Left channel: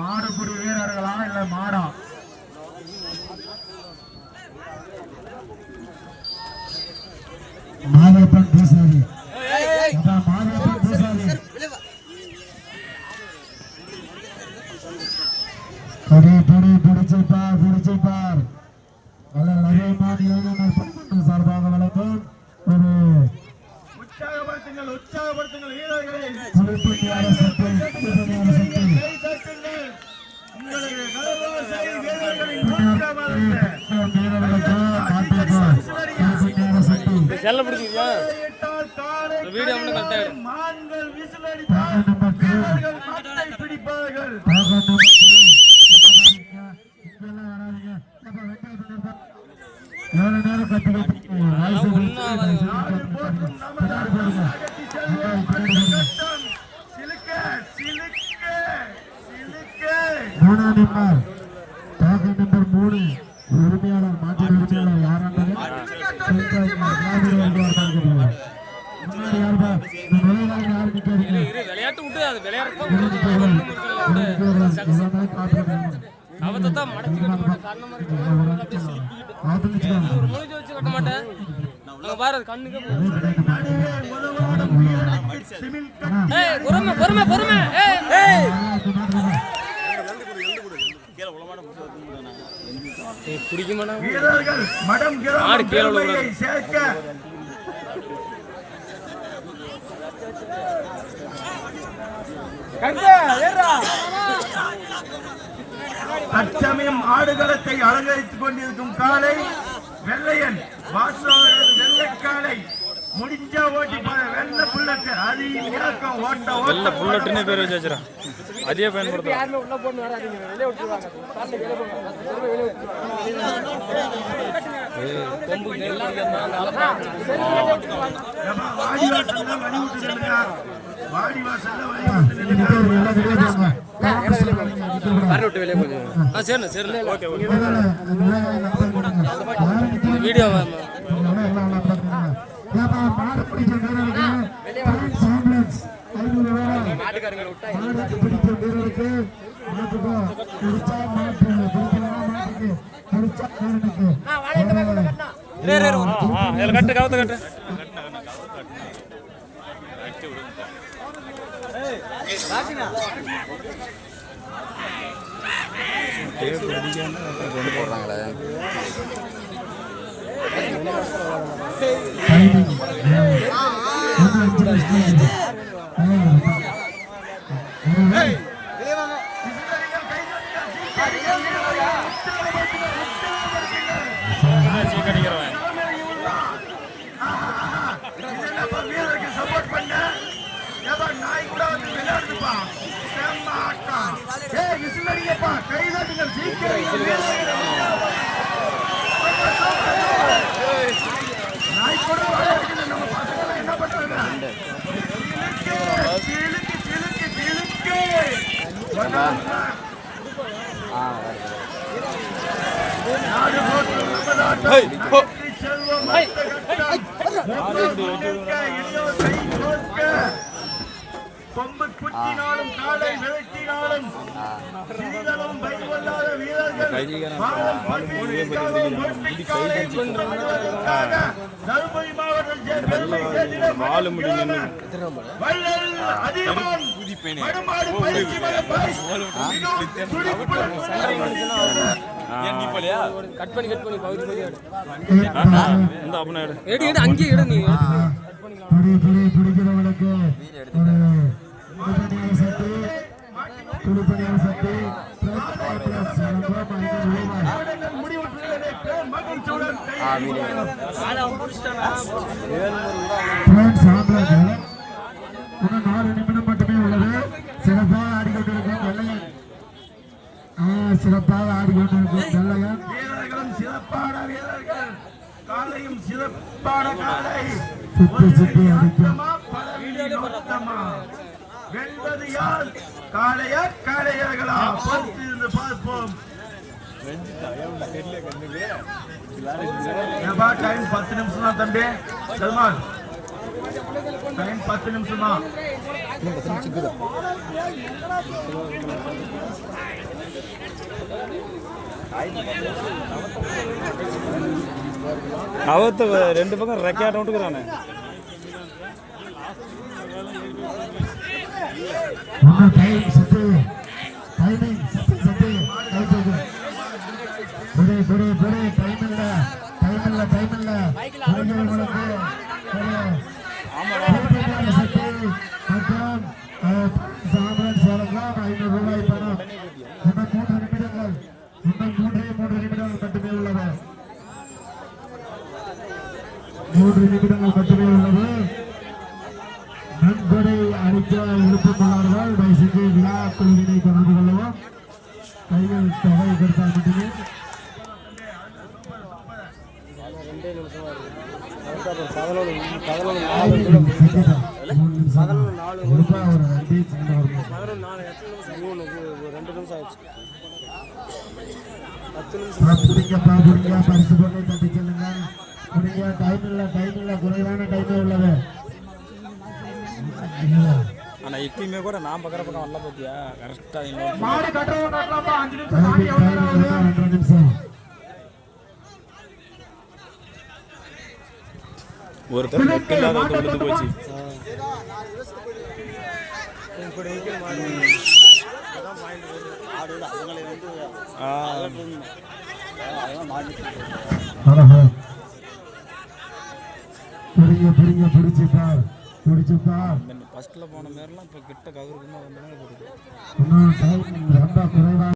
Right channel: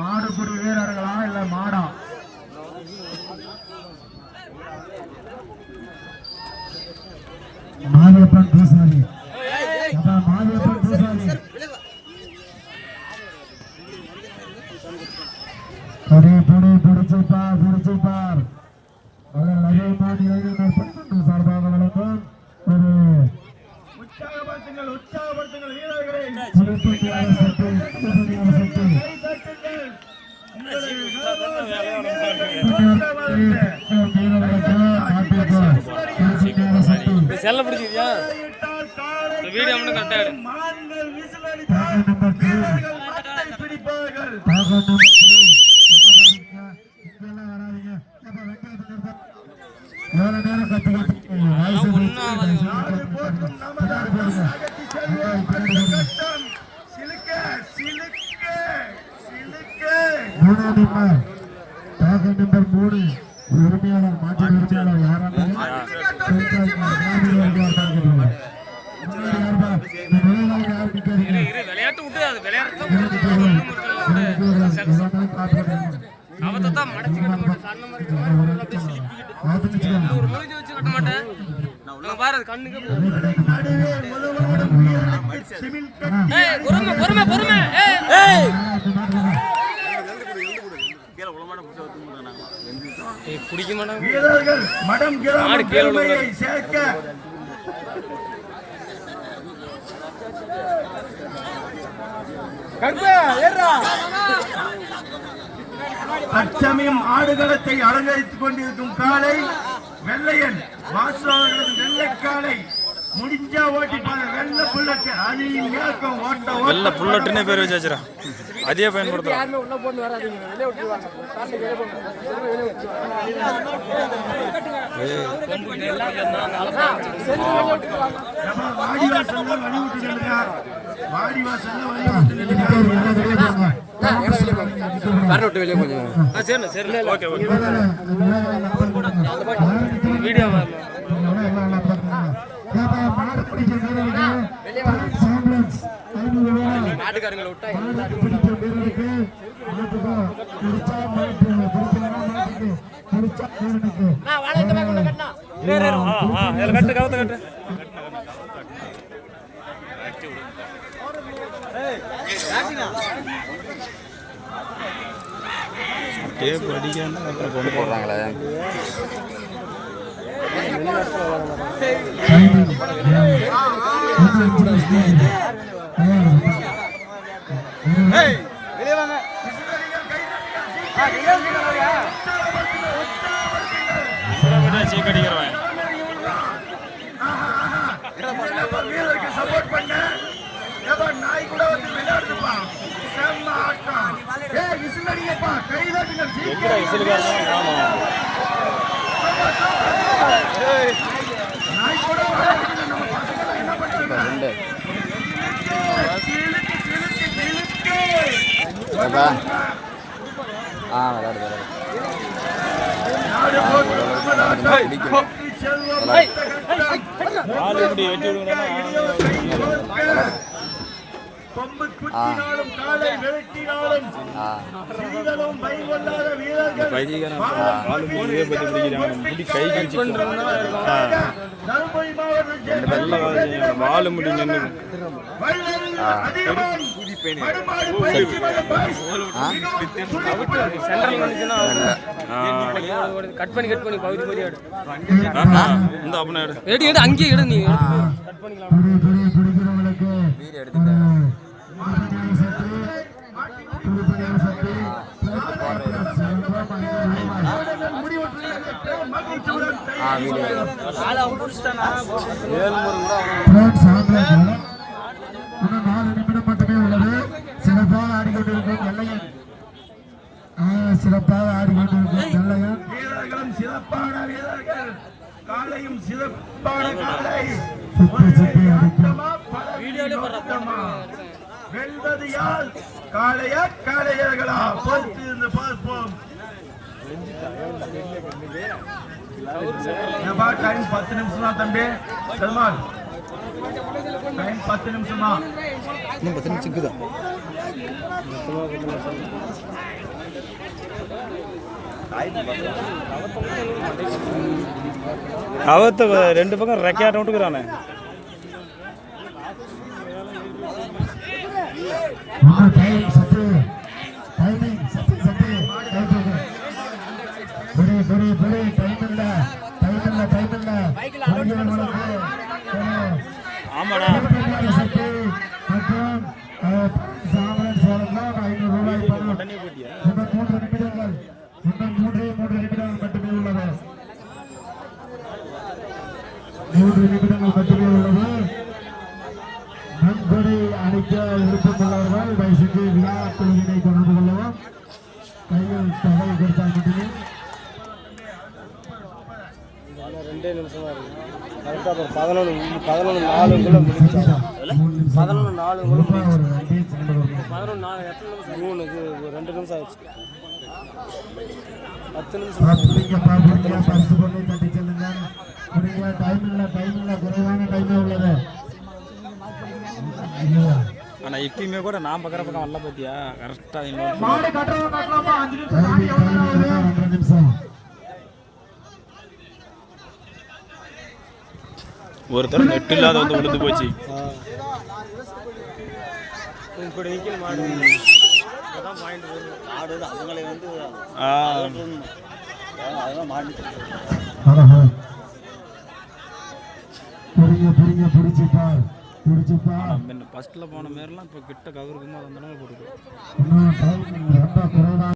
மாடுபுடி வீரர்களா இல்ல மாடா? மாரியப்பன் பூசாரி, மாரியப்பன் பூசாரி பிடிச்சிப்பார் நிறைய மாநில சார்பாக வழங்கும் ஒரு உற்சாகப்படுத்துங்கள் வீரர்களை. செல்ல பிடிச்சிருக்கியா வீடியோ மட்டும் கரெக்டா பிடிப்பார்கள். நம்பர் 3 உரிமையாளர் மாற்று உரிமையாளர் யாராவது விளையாட்டு விட்டு அது விளையாடுறத அவத்தான் மடச்சு கட்ட மாட்டேன். சன்ன மாதிரி ஒரு மூஞ்சி வச்சு கட்ட மாட்டேன். பாரு கண்ணுக்கு பொறுமை பொறுமை பொறுமை. பிடிக்க மாட்டாங்க வீரர்கள் மடம் சேர்க்க தற்சமயம் ஆடுகளத்தை அலங்கரித்துக் கொண்டிருக்கும் காலை வெள்ளையன் வெள்ளைக்காலை முடிஞ்சா ஓட்டி வெள்ள புல்லட்டு வெள்ள புல்லட்டுன்னு பேர் வச்சாச்சுரா, அதே பயன்படுத்துறான். வீடியோ கட்டு கவத்த கட்டு அப்புறம் கொண்டு போடுறாங்களே. சீக்கடிக்கிறவன் வாழ முடியும். கட் பண்ணி பகுதி பகுதி இந்த அப்பனா எடு அங்கேயே எடு. நீ சிறப்பாக ஆடிக்கொண்டிருக்கும் வெள்ளையன் வீரர்களும் சிறப்பான வீரர்கள், காலையும் சிறப்பான காலை. வெல்வது யார்? காளையா காளையர்களா? பொறுத்து இருந்து பார்ப்போம். 10 நிமிஷம் தான் தம்பி. பெருமாள் டைம் 10 நிமிஷமா இன்னும் 10 நிமிஷம் இருக்குதா அவத்த ரெண்டு பக்கம் ரெக்கையாட்ட விட்டுக்கிறானே இன்னும் டைம் சத்து டைமிங் சத்து சத்து பெரிய டைம் இல்ல ஆமாடா சத்து மற்றும் சாம்பல் சோளம் 500 ரூபாய் பணம் இன்னும் 3 நிமிடங்கள் மட்டுமே உள்ளது 3 நிமிடங்கள் மட்டுமே உள்ளது நன்கொடை அளிக்க விருப்பமுள்ளவர்கள் தயவுசெய்து விழா குழுவினை தொடர்பு கொள்ளவும் கையில் தொகை கொடுத்தால் மட்டுமே 2 நிமிஷமா இருக்கு கரெக்டாக 11:4 முடிஞ்சு 11:4 3 2 நிமிஷம் ஆச்சு 10 நிமிஷம் பரிசு பொருளை தட்டி செல்லுங்க டைம் இல்லை குறைவான டைமே உள்ளது ஆனா இப்பயுமே கூட நான் பக்கற பக்கம் வரல பாத்தியா கரெக்டா நிமிஷம் ஒரு தடவை நெட் இல்லாத வந்து விழுந்து போச்சு ஃபர்ஸ்ட்ல போன மாதிரிலாம் இப்போ கிட்ட கவருக்கு வந்தோம்னா போட்டுருக்கோம் ரொம்ப குறைவா